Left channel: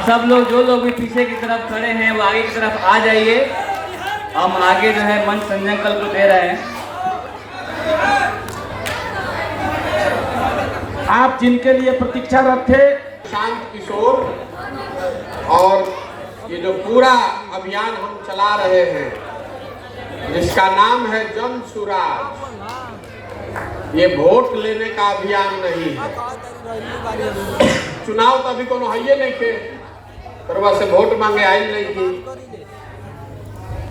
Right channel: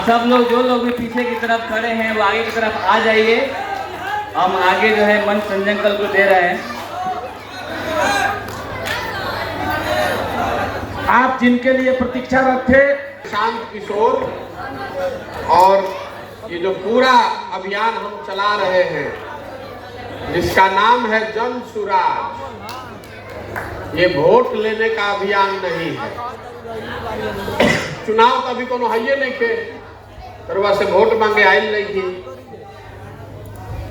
आप सब लोग जो लोग भी पीछे की तरफ खड़े हैं वो आगे की तरफ आ जाइए। हम आगे जो है मंच संजय को दे रहे हैं। आप जिनके लिए प्रतीक्षारत थे, शांत किशोर, और ये जो पूरा अभियान हम चला रहे हैं जिसका नाम है जन सुराज, ये वोट लेने का अभियान नहीं है। चुनाव तो अभी कोनो है नहीं थे, करवा से वोट मांगे आयल नहीं थी,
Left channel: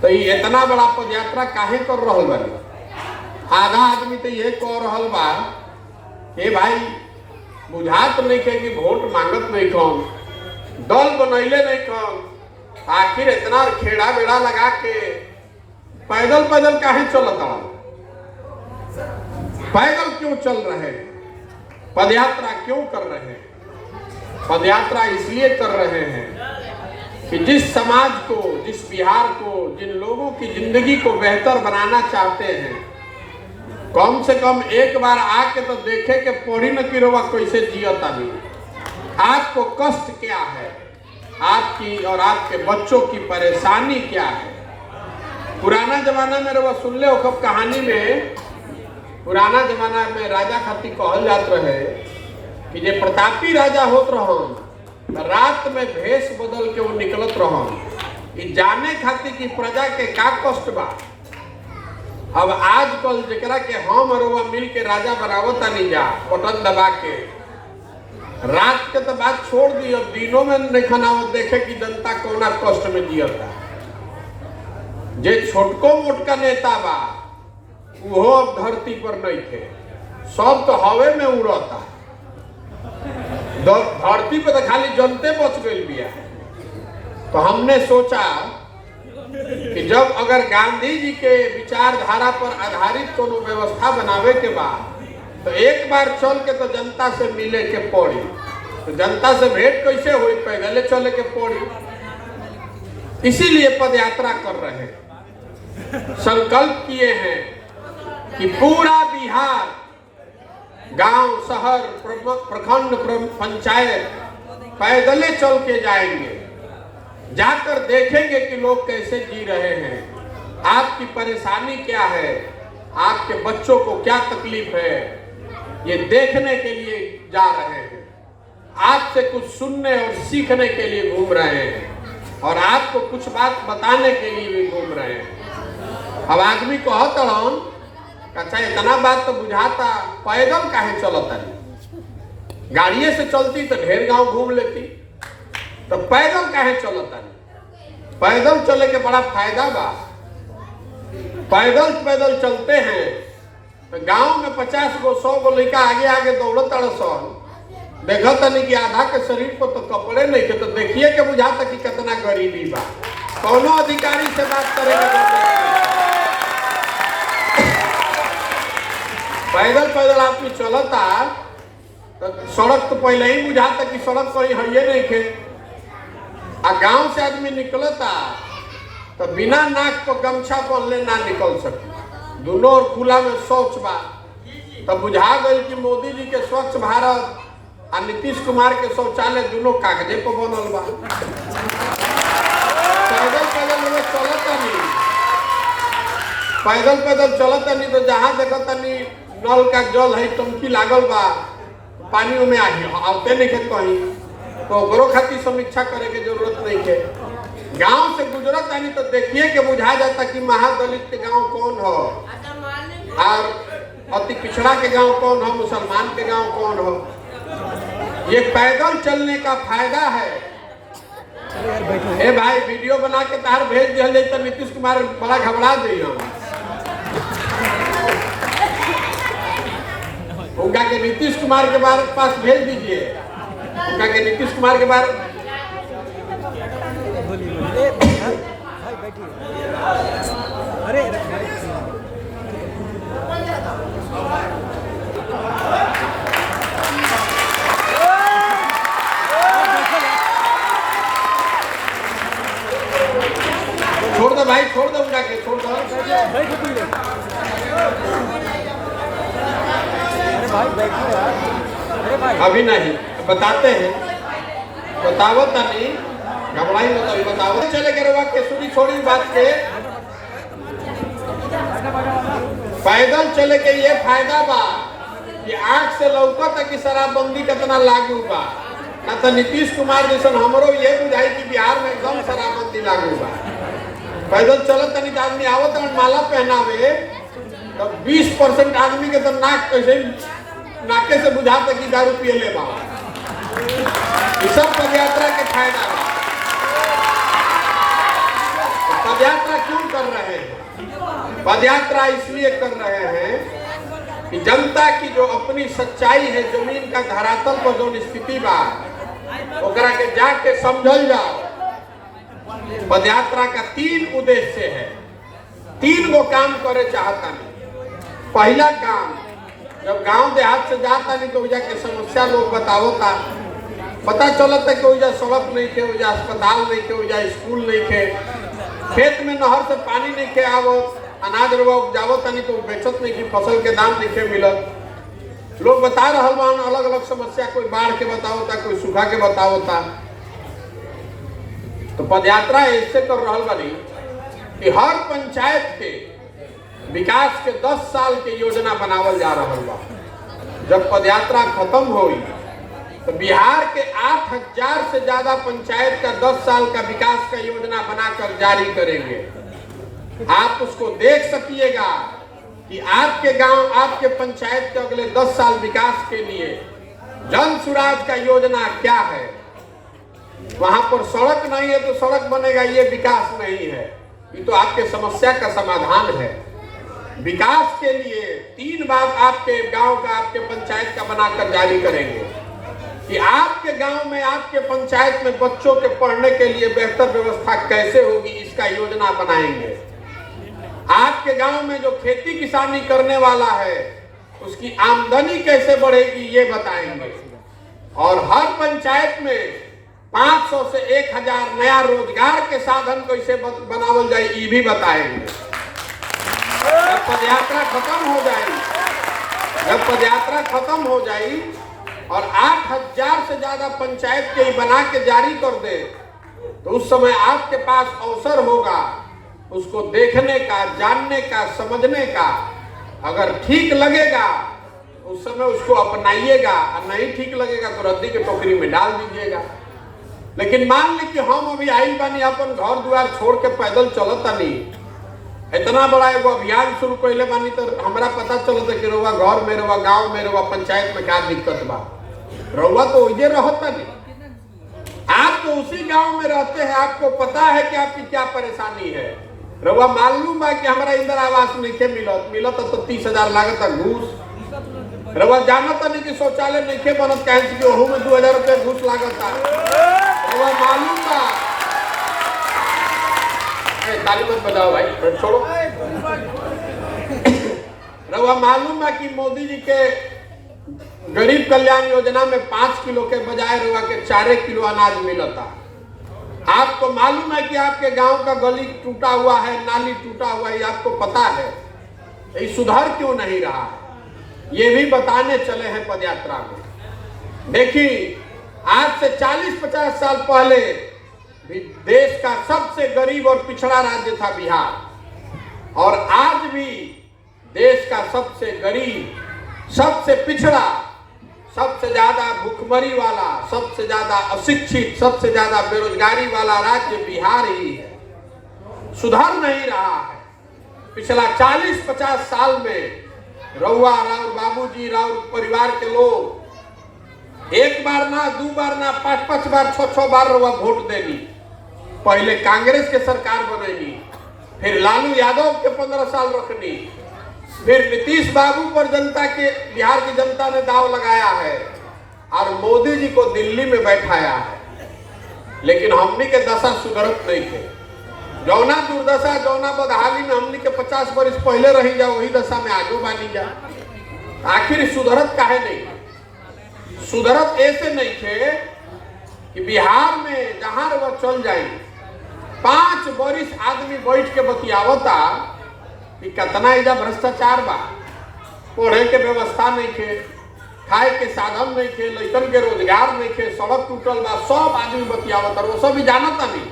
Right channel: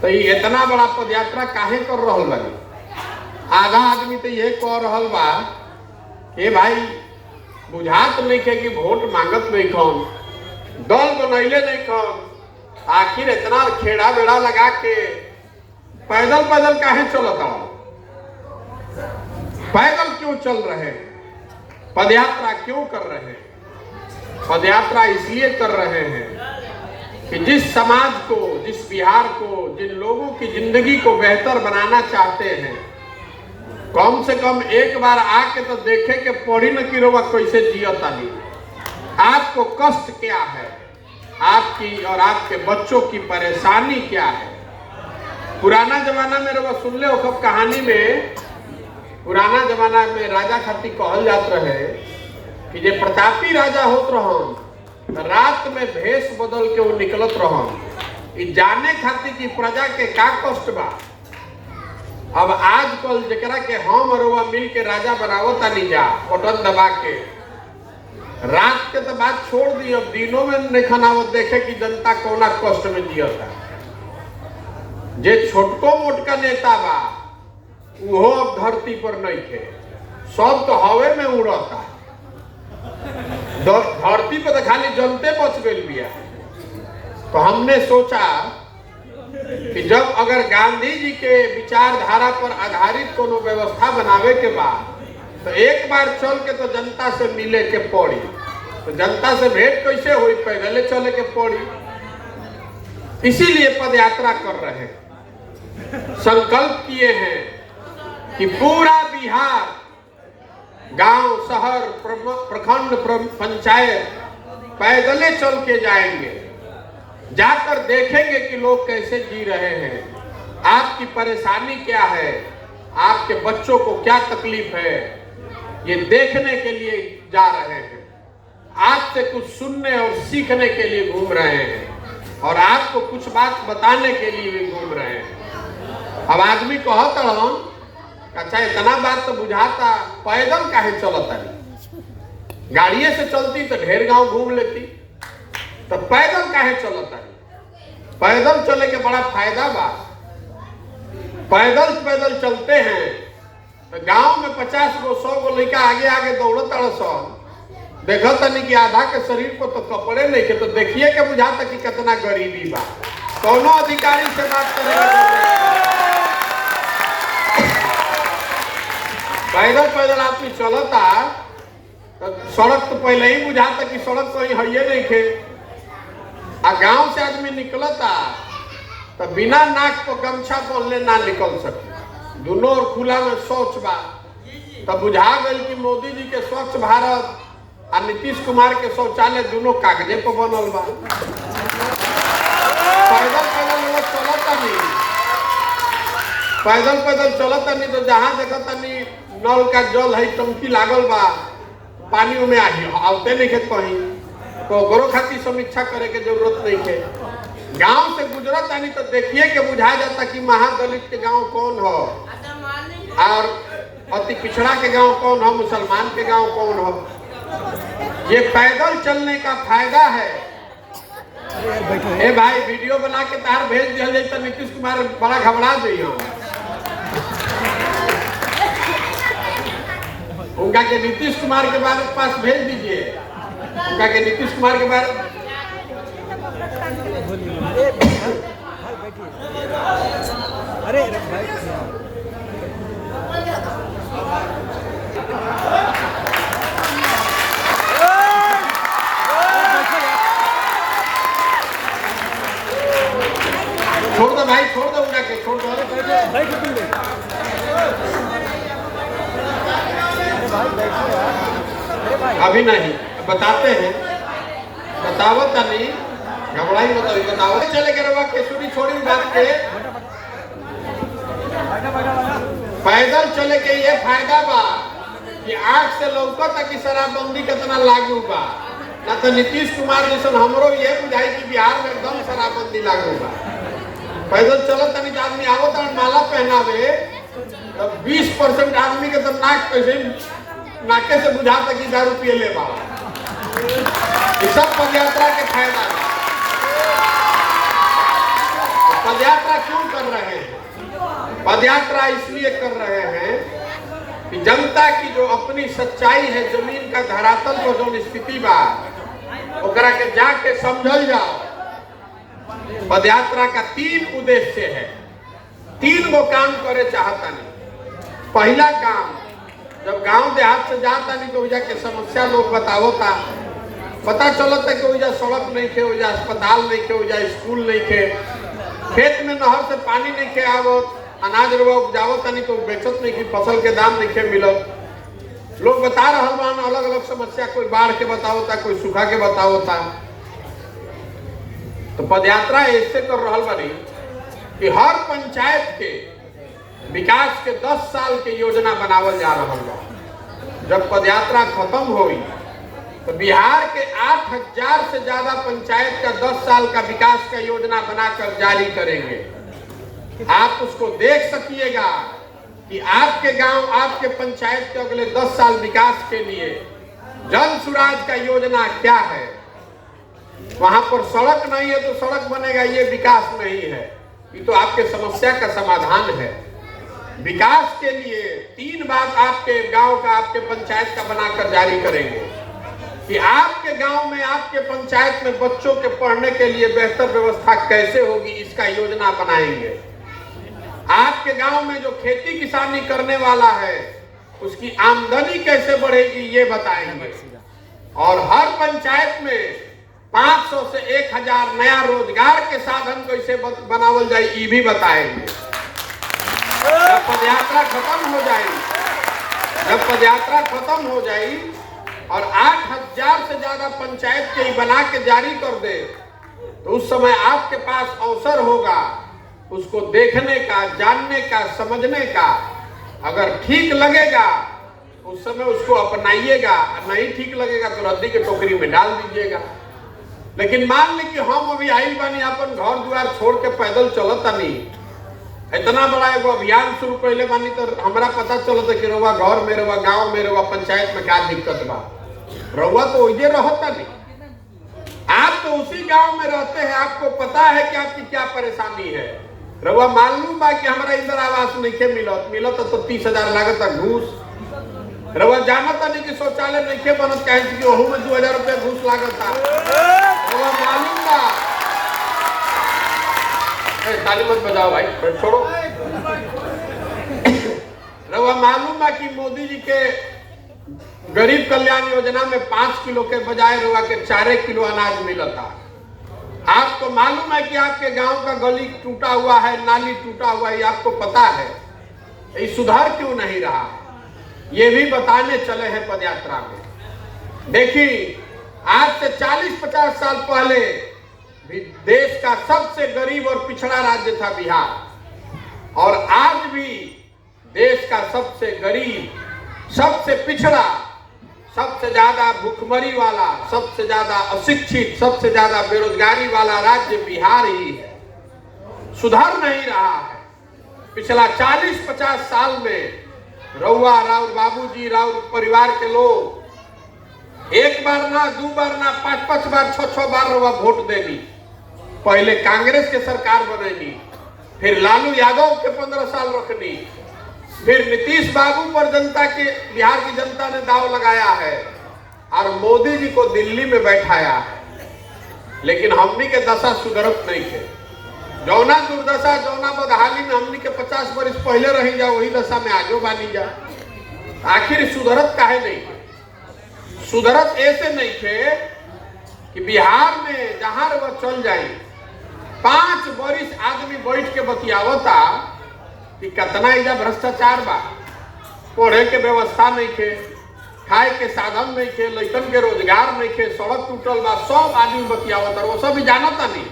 तो ये इतना बड़ा पदयात्रा काहे कर रहल बा? आधा आदमी तो ये कह रहल बा कि भाई बुझात नहीं के कि वोट मांगत नहीं कौन, दल बनैले नहीं कौन, आखिर इतना खेड़ा बेड़ा लगा के पैदल पैदल काहे चलता? पैदल क्यों चल रहे हैं? पदयात्रा क्यों कर रहे हैं? पदयात्रा इसलिए कर रहे हैं कि जिस समाज को, जिस बिहार को, जिन लोगों की जिंदगी को बेहतर बनाना चाहते हैं, कम से कम एक बार आके तो देखे के पड़ी न कि रोवा कैसे जियता नहीं। आपको कष्ट क्या है, आपकी और आपके बच्चों की परेशानी क्या है? पुराना जमाना में रोवा सुन ले हो कहानी में, पुराना जमाना में राजा खातिर कहल जात रहे कि जे प्रतापी राजा होत रहन, रात में भेष बदल के वो निकलत रहन, जाने खातिर कि प्रजा के का कष्ट बा। अब आजकल जरा के हम और वह मिल के राजा बनावत नहीं जा, बटन दबा के, रात के तो बात छोड़ दी, अब दिनों में नहीं आवत देखे कि जनता कोना कष्ट में जियता। जे छोटको मोटका नेता बा वो अब धरती पर नहीं थे, सब तो हवे में उड़ता। धरती पर तो खाली जनते बच गई बिया। तो हमने सोचा कि जब अगर गांधी जी के विचारधारा पर आधारित कोनो व्यवस्था बनावे के बाद, तो एक बार चल के तो जनता से मिले के पड़ी। तो जनता से भेंट कैसे हुई? पहले चले के पड़ी। इसीलिए पदयात्रा कर रहे हैं, संकल्प किए हैं कि पूरा बिहार, गांव, शहर, प्रखंड, पंचायत पैदले चल के जाएंगे, जाकर देखेंगे कि लोग कैसे जी रहे हैं, आपकी परेशानी क्या है, आपके बच्चों को क्या तकलीफ है, ये देखने के लिए जा रहे हैं। आपसे कुछ सुनने और सीखने के लिए घूम रहे हैं, और आपको कुछ बात बताने के लिए भी घूम रहे हैं। अब आदमी कहता हूं अच्छा इतना बात तो बुझाता, पैदल काहे चलता? गाड़िए से चलती तो ढेर गांव घूम लेती, तो पैदल काहे चलता? पैदल चले के बड़ा फायदा बा। पैदल पैदल चलते हैं तो गांव में 50 गो 100 गो लड़का आगे आगे दौड़त सब देखता नहीं कि आधा के शरीर को तो कपड़े नहीं के, तो देखिए के बुझाता कि कितना गरीबी बा। कोनो अधिकारी से बात करेगा, पैदल पैदल आदमी चलता तो सड़क तो पहले ही बुझाता कि सड़क कोई है नहीं थे। आ गांव से आदमी निकलता तो बिना नाक पर गमछा पहनले ना निकल सके, दोनों और खुला में शौच बा। तब बुझा गई कि मोदी जी के स्वच्छ भारत और नीतीश कुमार के शौचालय दोनों कागजे पर बनल बा। पैदल पैदल लोग चलता नहीं, पैदल पैदल चलता नहीं, तो जहाँ देखता नहीं नल का जल है, टंकी लागल बा, पानी में आते नहीं थे कहीं, तो ओकरो खातिर समीक्षा करे के जरूरत नहीं है। गांव से गुजरत नहीं तो देखिए के बुझा जाता कि महादलित के गांव कौन हो, और अति पिछड़ा के गांव कौन हो, मुसलमान के गांव कौन हो। ये पैदल चलने का फायदा है। ए भाई वीडियो बना के तार भेज दिया तो नीतीश कुमार बड़ा घबरा दी हो, उनका के नीतीश कुमार के बारे पास भेज दीजिए, उनका के नीतीश कुमार के बारे। अरे छोड़ दो भाई, छोड़ दो, उनका के छोड़ दो। भाई बैठो यार, अरे भाई अभी नहीं बताते हैं, बताओ तनी घबराई बताओ बताओ चले के रवा केसुरी छोड़ी बात के पैदल चले के ये फायदा बा कि आंख से लौकता कि शराबबंदी कितना लागू बा ना तो नीतीश कुमार जैसे हमरो ये बुझाई कि बिहार में एकदम शराबबंदी लागू बा पैदल चलो तनी आदमी आवत माला पहनावे तो 20% आदमी के तो नाक कैसे नाके से बुझाता कि दारू पिए ले बा सब पदयात्रा के फायदा है। पदयात्रा क्यों कर रहे हैं? पदयात्रा इसलिए कर रहे हैं कि जनता की जो अपनी सच्चाई है जमीन का धरातल पर जो स्थिति बा ओकरा के जाके समझल जाओ। पदयात्रा का 3 उद्देश्य है, 3 गो काम करे चाहता नहीं। पहला काम जब गांव देहात से जाता नहीं तो वजह के समस्या लोग बतावता पता चलता कि वजह सड़क नहीं थे, वजह अस्पताल नहीं थे, वजह स्कूल नहीं थे, खेत में नहर से पानी नहीं थे आवत, अनाज रवा उपजावत नहीं तो बेचत नहीं की फसल के दाम नहीं थे मिलत। लोग बता रहा अलग अलग समस्या, कोई बाढ़ के बतावता, कोई सूखा के बतावता। तो पदयात्रा ऐसे कर रहा बनी कि हर पंचायत के विकास के 10 साल के योजना बनावल जा रहा बा। जब पदयात्रा खत्म हुई तो बिहार के 8000 से ज्यादा पंचायत का 10 साल का विकास का योजना बनाकर जारी करेंगे। आप उसको देख सकिएगा कि आपके गांव आपके पंचायत के अगले 10 साल विकास के लिए जन सुराज का योजना क्या है। वहां पर सड़क नहीं है तो सड़क बनेगा, ये विकास नहीं है, ये तो आपके समस्या का समाधान है। विकास के लिए 3 बात आपके गांव का आपके पंचायत का बनाकर जारी करेंगे कि आपके गांव में आपके पंचायत में बच्चों के पढ़ने के लिए बेहतर व्यवस्था कैसे होगी, इसका योजना बनाएंगे। आपके गांव में जो खेती किसानी करने वाला है उसकी आमदनी कैसे बढ़ेगी ये बताएंगे। और हर पंचायत में 500 से 1000 नया रोजगार के साधन कैसे बनावल जाए ये भी बताएंगे। जब पदयात्रा खत्म हो जाएगी, जब पदयात्रा खत्म हो जाएगी और 8000 से ज्यादा पंचायत के बना के जारी कर दे तो उस समय आपके पास अवसर होगा उसको देखने का, जानने का, समझने का। अगर ठीक लगेगा उस समय उसको अपनाइएगा, और नहीं ठीक लगेगा तो रद्दी के टोकरी में डाल दीजिएगा। लेकिन मान ली कि हम अभी आई बानी अपन घर द्वार छोड़ के पैदल चलता नहीं, इतना बड़ा एगो अभियान शुरू कैले बानी तो हमरा पता चलता कि रउआ घर में, रउआ गांव में, रउआ पंचायत में क्या दिक्कत बा। रउआ तो वही रहता नहीं, आप तो उसी गांव में रहते हैं, आपको पता है कि आपकी क्या परेशानी है। रउआ मालूम बा कि हमारा इंदिरा आवास नहीं मिलत तो 30,000 लागत घूस। रउआ जानता नहीं कि शौचालय नहीं बनत कहे कि ओहू में 2000 रुपया घूस लागत। रउआ मालूम बा, ताली मत बजाओ भाई, छोड़ो। रउआ मालूम बा कि मोदी जी के गरीब कल्याण योजना में 5 किलो के बजाय रउआ के 4 किलो अनाज मिलता। आपको मालूम है कि आपके गांव का गली टूटा हुआ है, नाली टूटा हुआ है, आपको पता है, ये सुधार क्यों नहीं रहा है ये भी बताने चले हैं पदयात्रा में। देखिए आज से 40-50 साल पहले देश का सबसे गरीब और पिछड़ा राज्य था बिहार, और आज भी देश का सबसे गरीब, सबसे पिछड़ा, सबसे ज्यादा भूखमरी वाला, सबसे ज्यादा अशिक्षित, सबसे ज्यादा बेरोजगारी वाला राज्य बिहार ही है। सुधर नहीं रहा है। पिछला 40-50 साल में रउआ, राउर बाबूजी, राउर परिवार के लोग 1 बार ना 2 बार ना 5-5 बार 6-6 बार रउआ वोट देनी। पहले कांग्रेस के सरकार बनेगी, फिर लालू यादव के 15 साल रखनी, फिर नीतीश बाबू पर जनता के, बिहार की जनता ने दाव लगाया है और मोदी जी को दिल्ली में बैठाया है। लेकिन हमनी के दशा सुधरत नहीं थे। जौना दुर्दशा, जौना बदहाली में हमनी के 50 वर्ष पहले रही जा वही दशा में आगे बानी जा। आखिर सुधरत काहे नहीं थे? सुधरत ऐसे नहीं थे कि बिहार में जहां वो चल जाए 5 वर्ष आदमी बैठ के बतियावता कि कितना इधर भ्रष्टाचार बा, पढ़े के व्यवस्था नहीं थे, खाए के साधन नहीं थे, लइकन के रोजगार नहीं थे, सड़क टूटल बा, सब आदमी बतियावत और वो सब भी जानता नहीं।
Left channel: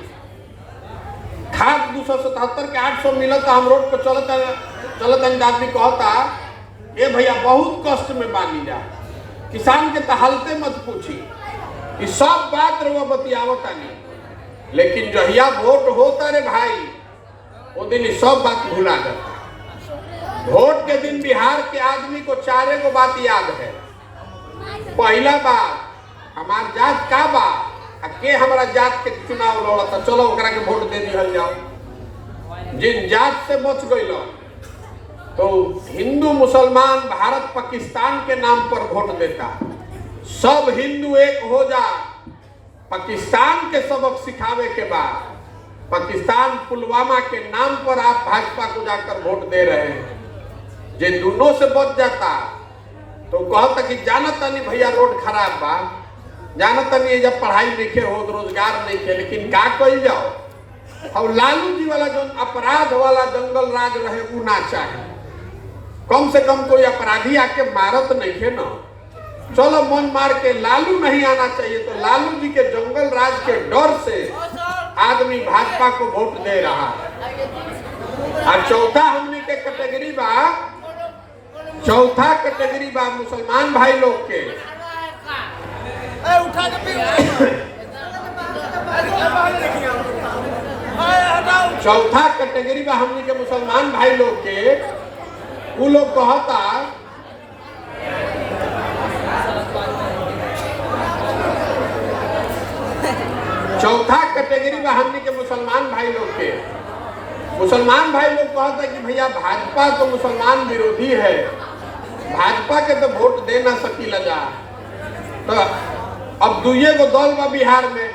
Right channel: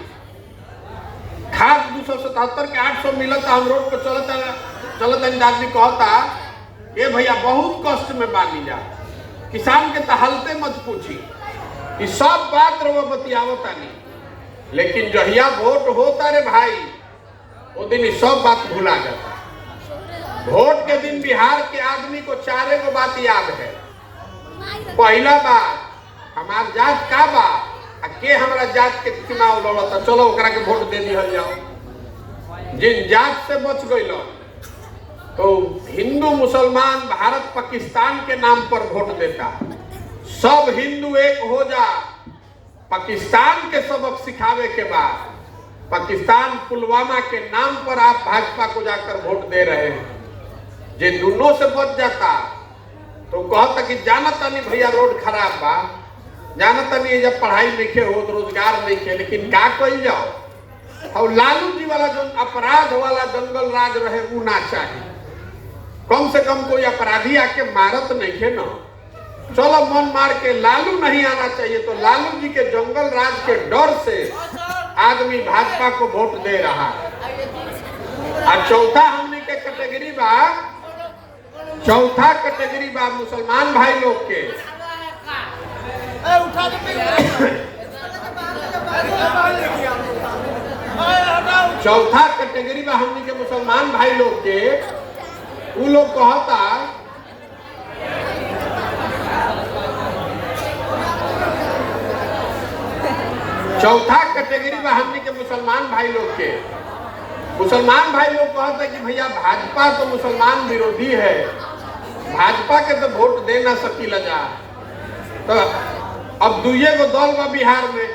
खाद 277 के 800 मिलता, हम रोड पर चलता आदमी कहता ये भैया बहुत कष्ट में बानी जा, किसान के तहलते मत पूछी, ये सब बात रहो बतियावता नहीं। लेकिन जहिया वोट होता रे भाई, वो दिन ये सब बात भुला जाता। वोट के दिन बिहार के आदमी को 4 गो बात याद है। पहला बात, हमार जात का बा, के हमारा जात के चुनाव लड़ता, चलो ओकरा के वोट दे दिया जाओ। जिन जात से बच गई तो हिंदू मुसलमान भारत पाकिस्तान के नाम पर वोट देता। सब हिंदू एक हो जा, पाकिस्तान के सबक सिखावे के बाद पाकिस्तान पुलवामा के नाम पर आप भाजपा को जाकर वोट दे रहे हैं। जे दोनों से बच जाता तो कहता कि जानता नहीं भैया रोड खराब बा, जानता नहीं जब पढ़ाई नहीं हो, रोजगार नहीं थे, लेकिन क्या कल जाओ। और लालू जी वाला जो अपराध वाला जंगल राज रहे वो ना चाहिए। कम से कम कोई अपराधी आके मारत नहीं है ना, चलो मन मार के लालू नहीं आना चाहिए। तो लालू जी के जंगल राज के डर से आदमी भाजपा को वोट दे रहा है। और चौथा हमने के कैटेगरी बा, चौथा कैटेगरी बा मुसलमान भाई लोग के। चौथा कैटेगरी बा हमने के मुसलमान भाई लोग के। वो लोग कहता चौथा कैटेगरी में हमने के मुसलमान भाई लोग के। मुसलमान भाई लोग कहते हैं कि भैया भाजपा तो मुसलमान विरोधी है, भाजपा के तो वोट दे ना सकीला जा। तो अब दुइये गो दल बा बिहार में,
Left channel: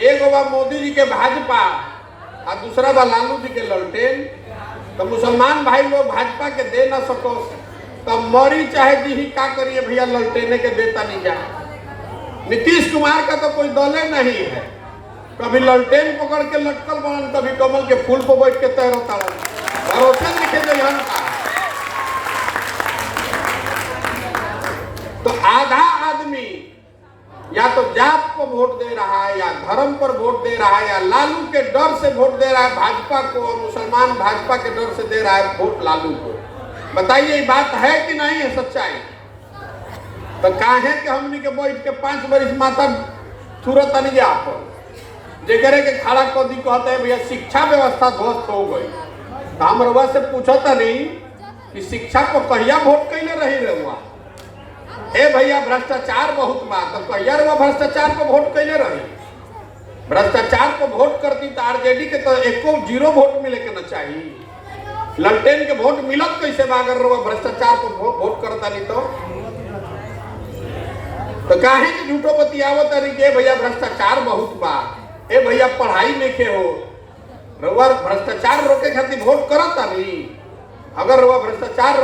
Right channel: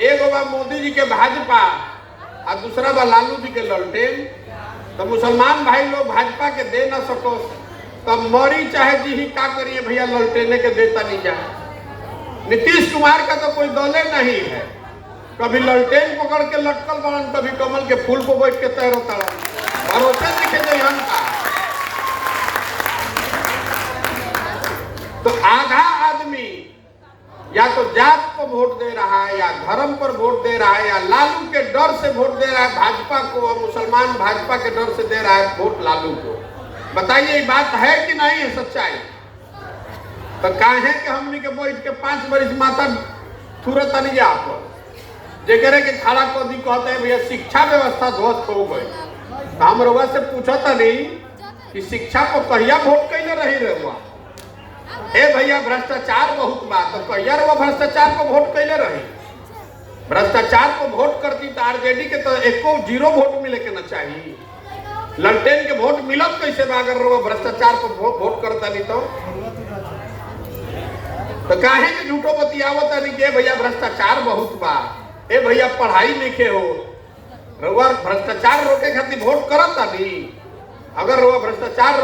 एगो बा मोदी जी के भाजपा और दूसरा बा लालू जी के ललटेन। तो मुसलमान भाई लोग भाजपा के दे ना सको तो मरी चाहे जी का करिए भैया, ललटेने के देता नहीं जा। नीतीश कुमार का तो कोई दले नहीं है, कभी ललटेन पकड़ के लटकल बन, कभी कमल के फूल को बैठ के तैरता भरोसे लिखे दे हम। तो आधा आदमी या तो जात को वोट दे रहा है, या धर्म पर वोट दे रहा है, या लालू के डर से वोट दे रहा है भाजपा को, और मुसलमान भाजपा के डर से दे रहा है वोट लालू को। बताइए ये बात है कि नहीं है सच्चाई? तो काहे के हमनी के बैठ के 5 बरिस माता तुरंत नहीं जा जेकरे के खड़ा कोदी कहते हैं भैया शिक्षा व्यवस्था ध्वस्त हो गई। तो हम रउआ से पूछता नहीं कि शिक्षा को कहिया वोट कैले रही रहुआ? ए भैया भ्रष्टाचार बहुत बात, तो कहिया रहुआ भ्रष्टाचार को वोट कैले रही? भ्रष्टाचार को वोट करती तो आरजेडी के तो एको 0 वोट मिले के न चाहिए। ललटेन के वोट मिलत कैसे बा अगर रहुआ भ्रष्टाचार को वोट करता नहीं तो काहे के झूठो बतियावत नहीं के भैया भ्रष्टाचार बहुत बा, ए भैया पढ़ाई नहीं के हो, रउआ भ्रष्टाचार रोके खातिर वोट करता नहीं। अगर रउआ भ्रष्टाचार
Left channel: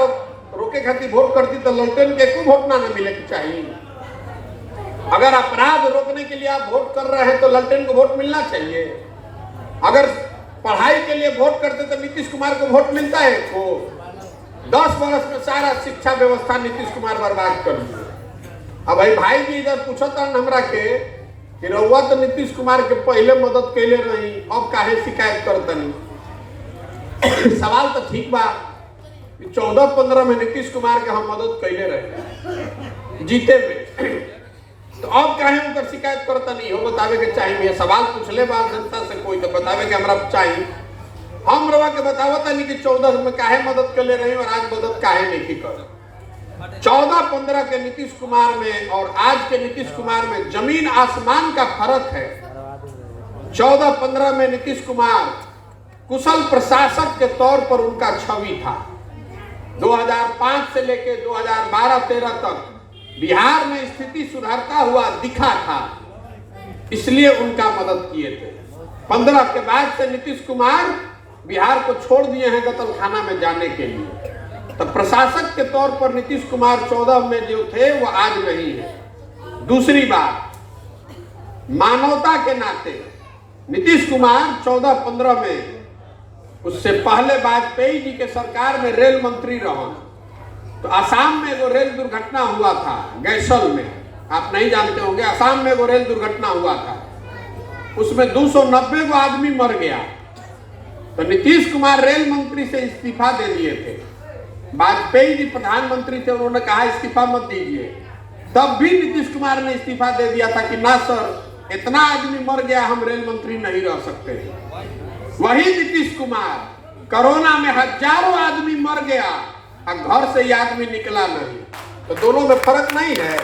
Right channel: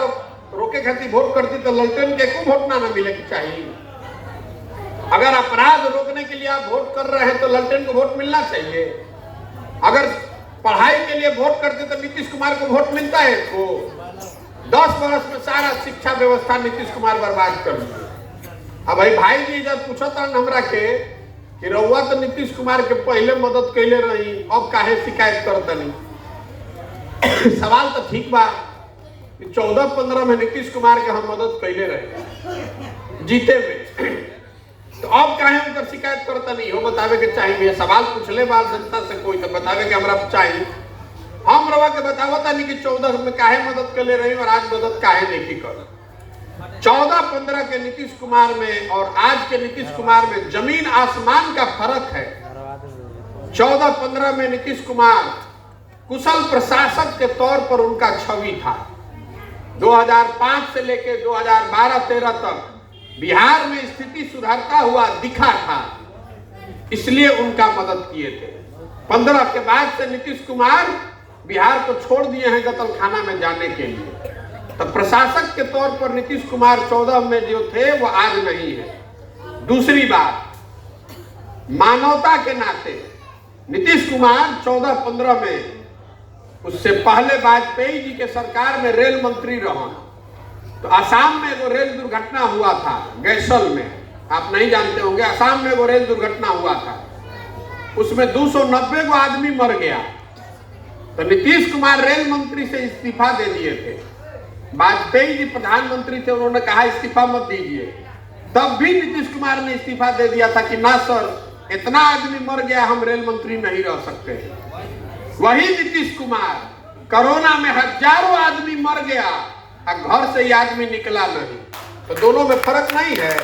रोके खातिर वोट करती तो ललटेन के को वोट ना मिले के चाहिए। अगर अपराध रोकने के लिए आप वोट कर रहे हैं तो ललटेन को वोट मिलना चाहिए। अगर पढ़ाई के लिए वोट करते तो नीतीश कुमार को वोट मिलता है को 10 वर्ष में सारा शिक्षा व्यवस्था नीतीश कुमार बर्बाद कर दिया। अब भाई जी जब पूछता हमरा के कि रउआ तो नीतीश कुमार के पहले मदद कैले रही, अब काहे शिकायत करता नहीं? सवाल तो ठीक बा, 14-15 में नीतीश कुमार के हम मदद कैले रहे जीते में, तो अब काहे उनकर शिकायत करता नहीं हो? बतावे के चाहिए। सवाल पूछले बार जनता से कोई तो बतावे के हमरा चाहिए। हम रउआ के बतावता नहीं कि 14 में काहे मदद कैले रही और आज मदद काहे नहीं की कर। 14-15 के नीतीश कुमार में और आज के नीतीश कुमार में जमीन आसमान का फर्क है। 14-15 में नीतीश कुमार कुशल प्रशासक के तौर पर उनका छवि था। 2005 से लेकर 2012-13 तक बिहार में स्थिति सुधरता हुआ दिखा था, इसलिए उनका मदद किए थे। 15 के बाद से नीतीश कुमार बिहार को छोड़ दिए हैं कत्लखाना में जाने के लिए। तो प्रशासक के तौर पर नीतीश कुमार 14 में जो थे वो आज नहीं है। दूसरी बात, मानवता के नाते नीतीश कुमार 14-15 में, उससे पहले वाजपेयी जी के सरकार में रेल मंत्री रहा, तो असम में वो रेल दुर्घटना हुआ था गैसल में, आप नहीं जानते होंगे, असम में वो रेल दुर्घटना हुआ था, उसमें 290 को आदमी मर गया। तो नीतीश कुमार रेल मंत्री से इस्तीफा दे दिए थे। वाजपेयी जी प्रधानमंत्री थे, उन्होंने कहा इस्तीफा मत दीजिए, तब भी नीतीश कुमार ने इस्तीफा दे दिया था कि ना सर, इतना आदमी मर गया, हम रेल मंत्री नहीं रह सकते। वही नीतीश कुमार कोरोना में हजारों आदमी मर गया और घर से ही आदमी निकला नहीं। तो दोनों में फर्क नहीं है।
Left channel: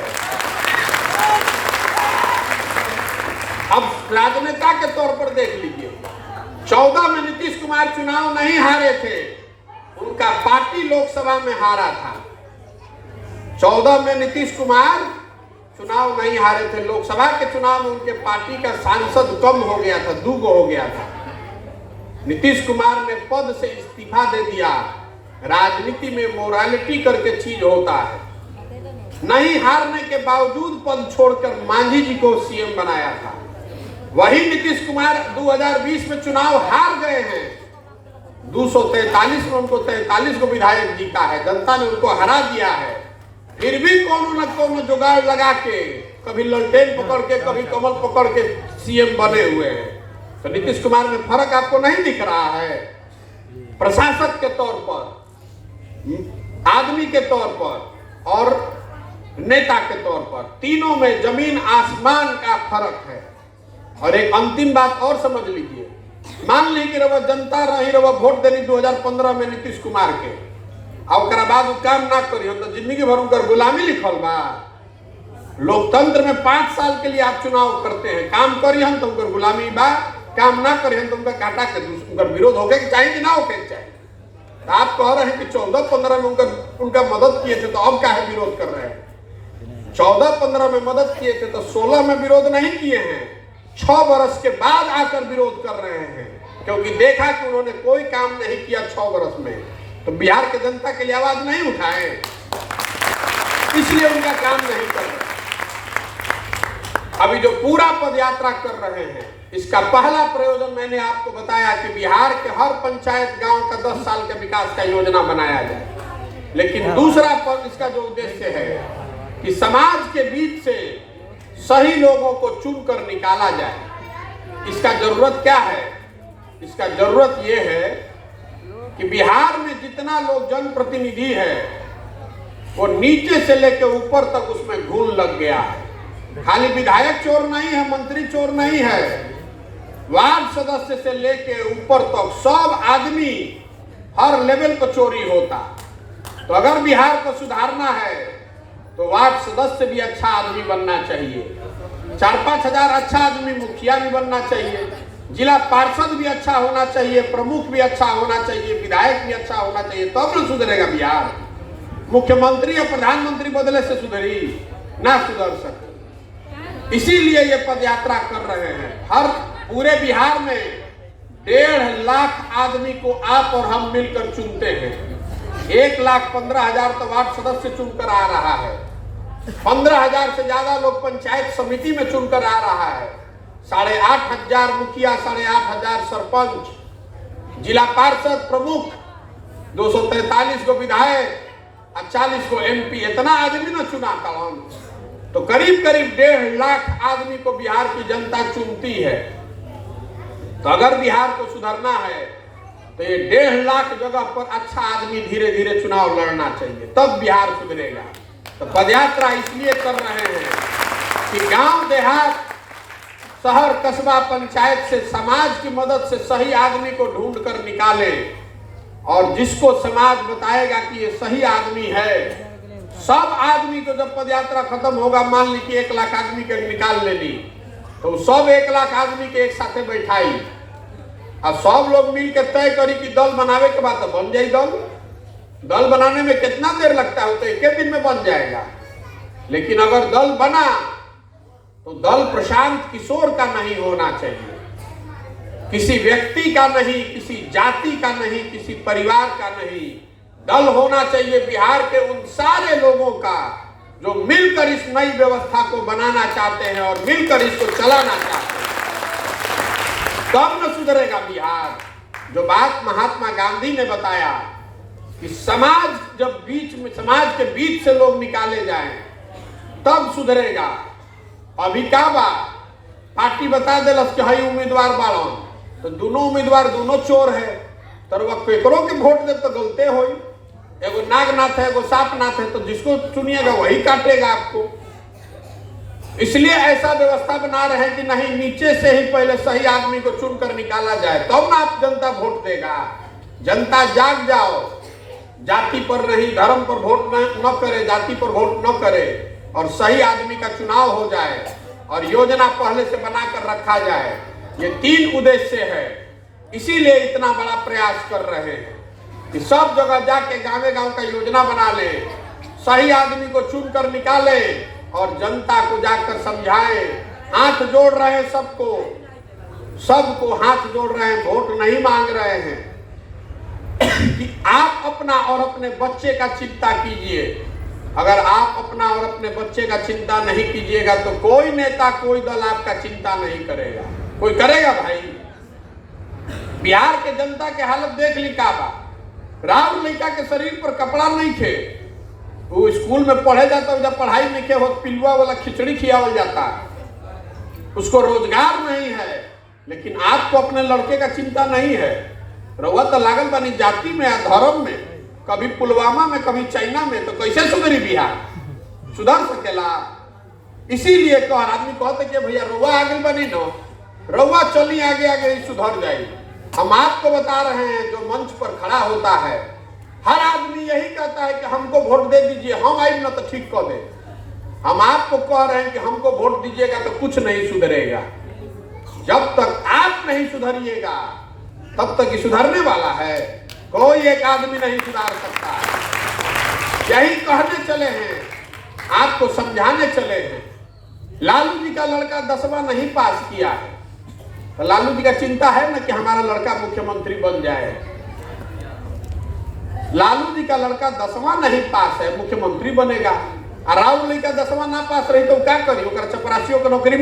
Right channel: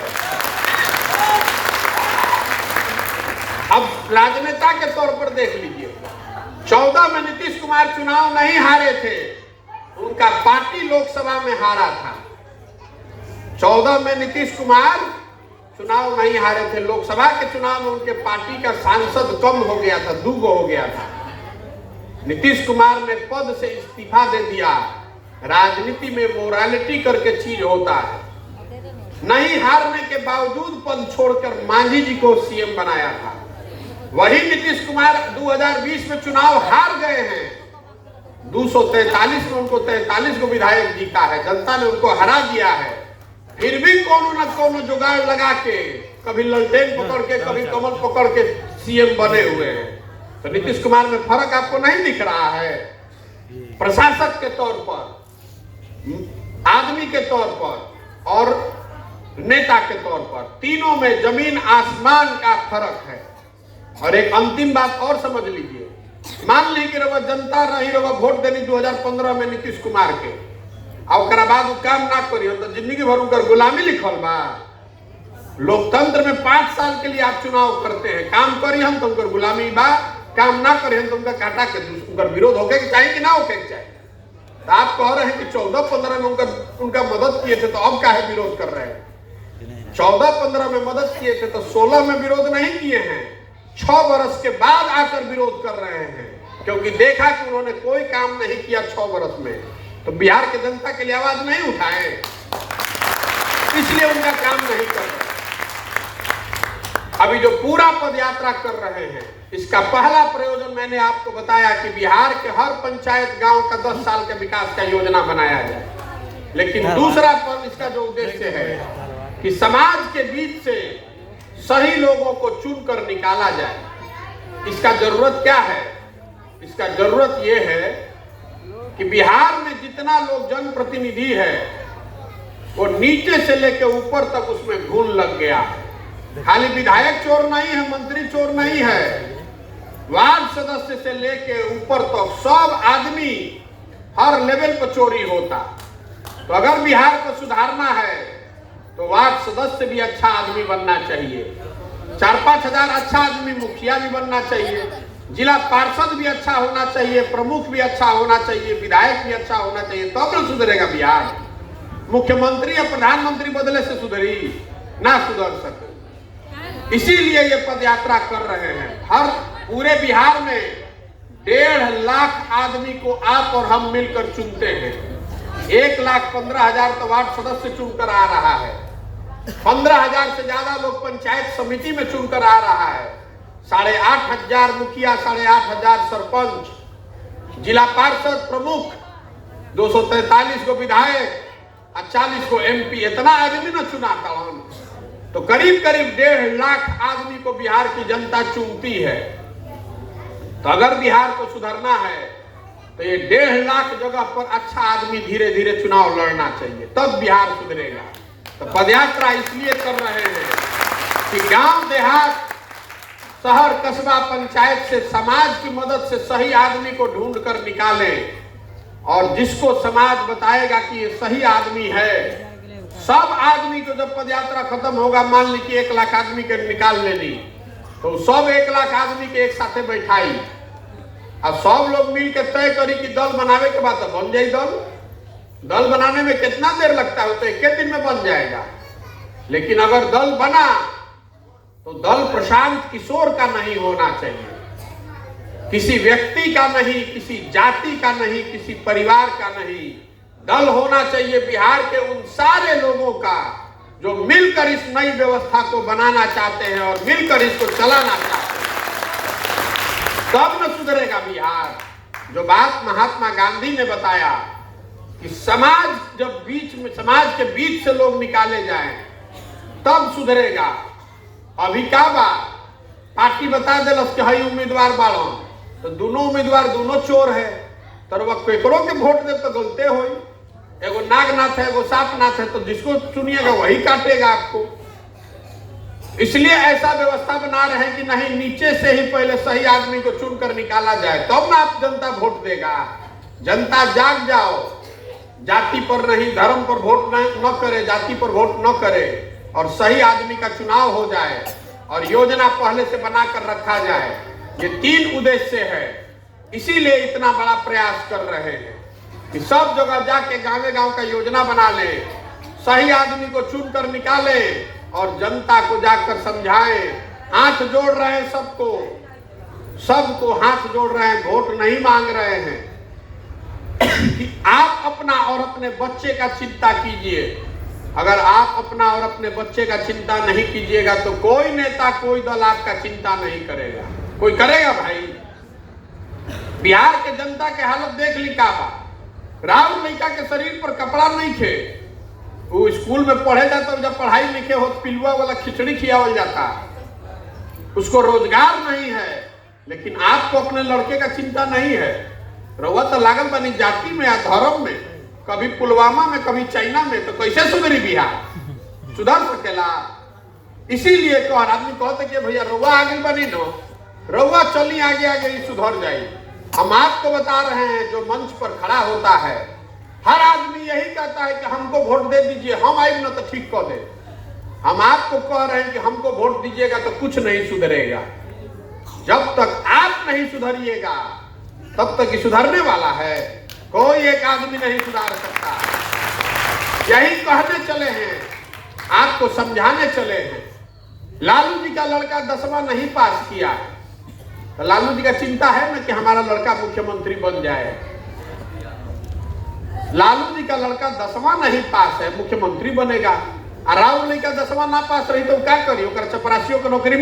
अब राजनेता के तौर पर देख लीजिए, 14 में नीतीश कुमार चुनाव नहीं हारे थे, उनका पार्टी लोकसभा में हारा था। 14 में नीतीश कुमार चुनाव नहीं हारे थे, लोकसभा के चुनाव में उनके पार्टी का सांसद कम हो गया था, 2 हो गया था। नीतीश कुमार ने पद से इस्तीफा दे दिया। राजनीति में मोरालिटी करके चीज होता है। नहीं हारने के बावजूद पद छोड़कर मांझी जी को सीएम बनाया था। वही नीतीश कुमार 2020 में चुनाव हार गए हैं, 243 में उनको 43 को विधायक जीता है, जनता ने उनको हरा दिया है। फिर भी कोनो न कोनो जुगाड़ लगा के, कभी ललटेन पकड़ के, कभी कमल पकड़ के सीएम बने हुए हैं। तो नीतीश कुमार में फर्क आपको नहीं दिख रहा है? प्रशासक के तौर पर, आदमी के तौर पर और नेता के तौर पर, तीनों में जमीन आसमान का फर्क है। और एक अंतिम बात और समझ लीजिए, मान ली कि रवा जनता रही, रवा वोट देनी 2015 में नीतीश कुमार के, और बाद काम ना करी तो जिंदगी भर उनकर गुलामी लिखल बा। लोकतंत्र में 5 साल के लिए आप चुनाव करते हैं, काम करी हम तो उनकर गुलामी बा, काम ना करी हम तो उनका काटा के उनका विरोध होके चाहिए कि ना होके चाहिए। तो आप कह रहे हैं कि 14-15 में उनका मदद किए थे, तो अब क्या है विरोध कर रहे हैं? 14-15 में मदद किए थे तो 16 में विरोध नहीं किए हैं, 6 वर्ष के बाद आकर विरोध कर रहे हैं, क्योंकि देखा कि उन्होंने कोई काम नहीं किया 6 वर्ष में, तो बिहार के जनता के लिए आवाज नहीं उठाए, इसलिए उनका काम नहीं कर रहे। अभी जो पूरा पद यात्रा कर रहे हैं, इसका पहला प्रयोजन मैंने आपको बताया कि बिहार के हर पंचायत गांव का 10 साल के विकास का योजना बनाया जाए। लेकिन दूसरा पद इसका जो उद्देश्य है कि समाज के बीच से सही लोगों को चुनकर निकाला जाए। इसका जरूरत क्या है? इसका जरूरत यह है कि बिहार में जितना लोग जनप्रतिनिधि है, वो नीचे से लेकर ऊपर तक उसमें घून लग गया है। खाली विधायक चोर नहीं है, मंत्री चोर नहीं है, वार्ड सदस्य से लेके ऊपर तक सब आदमी हर लेवल पर चोरी होता। तो अगर बिहार को सुधारना है तो वार्ड सदस्य भी अच्छा आदमी बनना चाहिए, 4-5 हजार अच्छा आदमी मुखिया भी बनना चाहिए, जिला पार्षद भी अच्छा होना चाहिए, प्रमुख भी अच्छा होना चाहिए, विधायक भी अच्छा होना चाहिए, तब न सुधरेगा बिहार। मुख्यमंत्री या प्रधानमंत्री बदले से सुधरी ना सुधर सके। इसीलिए ये पद यात्रा कर रहे हैं। हर पूरे बिहार में 1.5 लाख आदमी को आप और हम मिलकर चुनते हैं। 1,15,000 तो वार्ड सदस्य चुनकर आ रहा है, 15,000 से ज्यादा लोग पंचायत समिति में चुनकर आ रहा है, 8,500 मुखिया, 8,500 सरपंच, जिला पार्षद प्रमुख, 243 को विधायक और 40 को एमपी, इतना आदमी न चुना था हम। तो करीब 1.5 लाख आदमी को बिहार की जनता चुनती है। तो अगर बिहार को सुधारना है तो ये 1.5 लाख जगह पर अच्छा आदमी धीरे धीरे चुनाव लड़ना चाहिए, तब बिहार सुधरेगा। तो पदयात्रा इसलिए कर रहे हैं कि गांव देहात, शहर, कस्बा, पंचायत से समाज की मदद से सही आदमी को ढूंढ कर निकाले, और जिसको समाज बताएगा कि ये सही आदमी है, सब आदमी को जब पदयात्रा खत्म होगा, मान ली कि 1 लाख आदमी के निकाल लेनी, तो सब 1 लाख आदमी के एक साथे बैठाई और सब लोग मिल के तय करी कि दल बनावे के बाद तो बन जाए दल। दल बनाने में कितना देर लगता है? तो 1 दिन में बन जाएगा। लेकिन अगर दल बना तो दल प्रशांत किशोर का नहीं होना चाहिए, किसी व्यक्ति का नहीं, किसी जाति का नहीं, किसी परिवार का नहीं। दल होना चाहिए बिहार के उन सारे लोगों का जो मिलकर इस नई व्यवस्था को बनाना चाहते हैं और मिलकर इसको चलाना चाहते हैं, तब न सुधरेगा बिहार। जो बात महात्मा गांधी ने बताया कि समाज जब समाज के बीच से लोग निकाले जाएं तब सुधरेगा। अभी क्या बात पार्टी बता दिलस कि हई उम्मीदवार बाड़न, तो दोनों उम्मीदवार दोनों चोर है, तो वह केकरो के वोट दे तो गलते हो। एगो नागनाथ है, एगो सापनाथ है, तो जिसको चुनिएगा वही काटेगा आपको। इसलिए ऐसा व्यवस्था बना रहे हैं कि नहीं, नीचे से ही पहले सही आदमी को चुनकर निकाला जाए, तब ना आप जनता वोट देगा। जनता जाग जाओ, जाति पर नहीं धर्म पर वोट न करे, जाति पर वोट न करे, और सही आदमी का चुनाव हो जाए और योजना पहले से बनाकर रखा जाए। ये 3 उद्देश्य है, इसीलिए इतना बड़ा प्रयास कर रहे हैं कि सब जगह जाके गांव का योजना बना ले, सही आदमी को चुनकर निकाले और जनता को जाकर समझाएं। हाथ जोड़ रहे हैं सबको हाथ जोड़ रहे हैं, वोट नहीं मांग रहे हैं कि आप अपना और अपने बच्चे का चिंता कीजिए। अगर आप अपना और अपने बच्चे का चिंता नहीं कीजिएगा तो कोई नेता कोई दल आपका चिंता नहीं करेगा। कोई करेगा भाई? बिहार के जनता के हालत देख ली का बा। राहुल लड़का के शरीर पर कपड़ा नहीं थे, वो स्कूल में पढ़े जाता, जब पढ़ाई लिखे हो पिलुआ वाला खिचड़ी खियावल जाता, उसको रोजगार नहीं है। लेकिन आपको अपने लड़के का चिंता नहीं है। रउआ तो लागल बनी जाति में या धर्म में, कभी पुलवामा में कभी चाइना में, तो कैसे सुधरी बिहार? सुधर सकेला? इसीलिए को आदमी कहते कि भैया रउआ आगे बनी नो, रउआ चली आगे आगे सुधर जाए। हम आपको बता रहे हैं, जो मंच पर खड़ा होता है हर आदमी यही कहता है कि हमको वोट दे दीजिए, हम आए ना तो ठीक कर दे। हम आपको कह रहे हैं कि हमको वोट दीजिएगा तो कुछ नहीं सुधरेगा। जब तक आप नहीं सुधरिएगा तब तक सुधरने वाला है कोई एक आदमी नहीं सुधार सकता। यही कहने चले हैं, आपको समझाने चले हैं। लालू जी का लड़का 10वां नहीं पास किया, तो लालू जी का चिंता है ना कि हमारा लड़का मुख्यमंत्री बन जाए। लालू जी का लड़का 10वां नहीं पास है, मुख्यमंत्री बनेगा। और राहुल जी का 10वां ना पास रही तो क्या करी? चपरासियों को नौकरी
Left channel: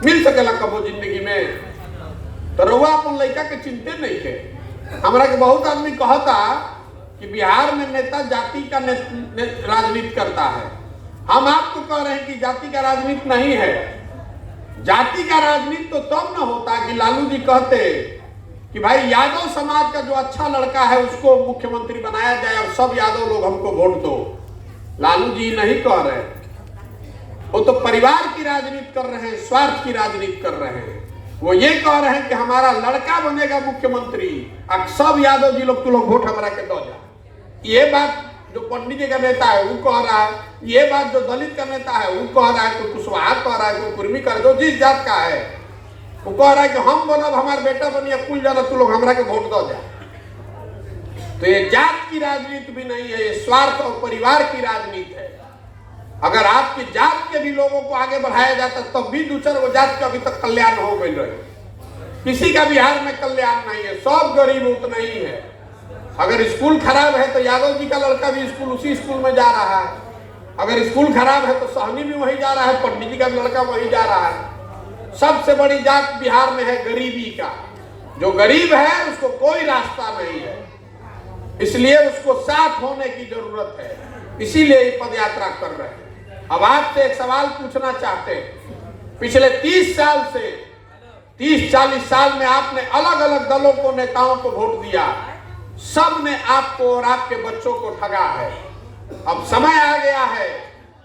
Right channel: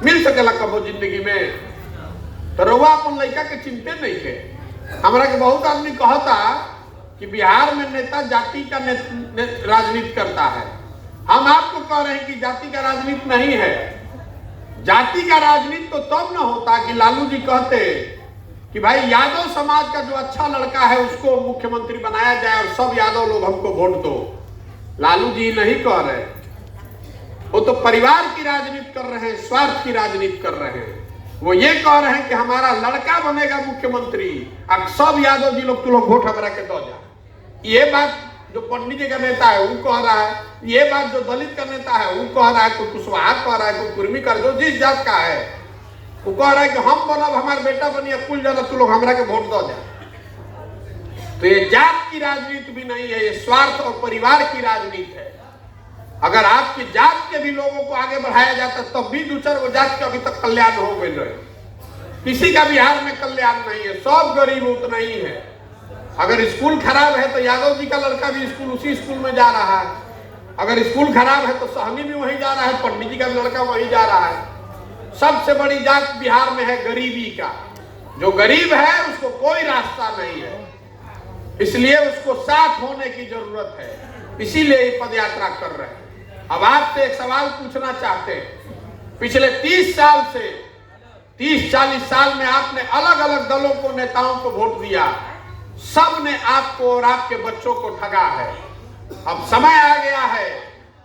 मिल सकेला कबो जिंदगी में? तो रउआ अपन लड़का के चिंते नहीं थे। हमरा के बहुत आदमी कहता कि बिहार में नेता जाति का राजनीति करता है। हम आपको कह रहे हैं कि जाति का राजनीति नहीं है। जाति का राजनीति तो तब न होता कि लालू जी कहते कि भाई यादव समाज का जो अच्छा लड़का है उसको मुख्यमंत्री बनाया जाए और सब यादव लोग हमको वोट दो। लालू जी नहीं कह रहे, वो तो परिवार की राजनीति कर रहे हैं, स्वार्थ की राजनीति कर रहे हैं। वो ये कह रहे हैं कि हमारा लड़का बनेगा मुख्यमंत्री, अब सब यादव जी लोग, तू लोग वोट हमारा के दो जा। ये बात जो पंडित जी का नेता है वो कह रहा है, ये बात जो दलित का नेता है वो कह रहा है, कोई कुशवाहा कह रहा है, कोई कुर्मी कर दो, जिस जात का है वो कह रहा है कि हम बनब, हमारा बेटा बनिए, कुल जाना तू लोग हमारा के वोट दो जा। तो ये जात की राजनीति भी नहीं है, ये स्वार्थ और परिवार की राजनीति है। अगर आपकी जात के भी लोगों को आगे बढ़ाया जाता तब भी दूसरे वो जात का अभी तक कल्याण हो गए रहे। किसी का बिहार में कल्याण नहीं है, सब गरीब उतना ही है। अगर स्कूल खराब है तो यादव जी का लड़का भी स्कूल उसी स्कूल में जा रहा है। अगर स्कूल खराब है तो सहनी भी वहीं जा रहा है, पंडित जी का लड़का वहीं जा रहा है। सबसे बड़ी जात बिहार में है गरीबी का। जो गरीब है उसको कोई रास्ता नहीं है, इसलिए उसको साथ होने की जरूरत है। इसीलिए ये पद यात्रा कर रहे हैं। अब आपसे एक सवाल पूछना चाहते हैं। पिछले 30 साल से 30-40 साल में आपने अलग अलग दलों को, नेताओं को वोट दिया, सब ने आपको और आपके बच्चों को ठगा है। अब समय आ गया है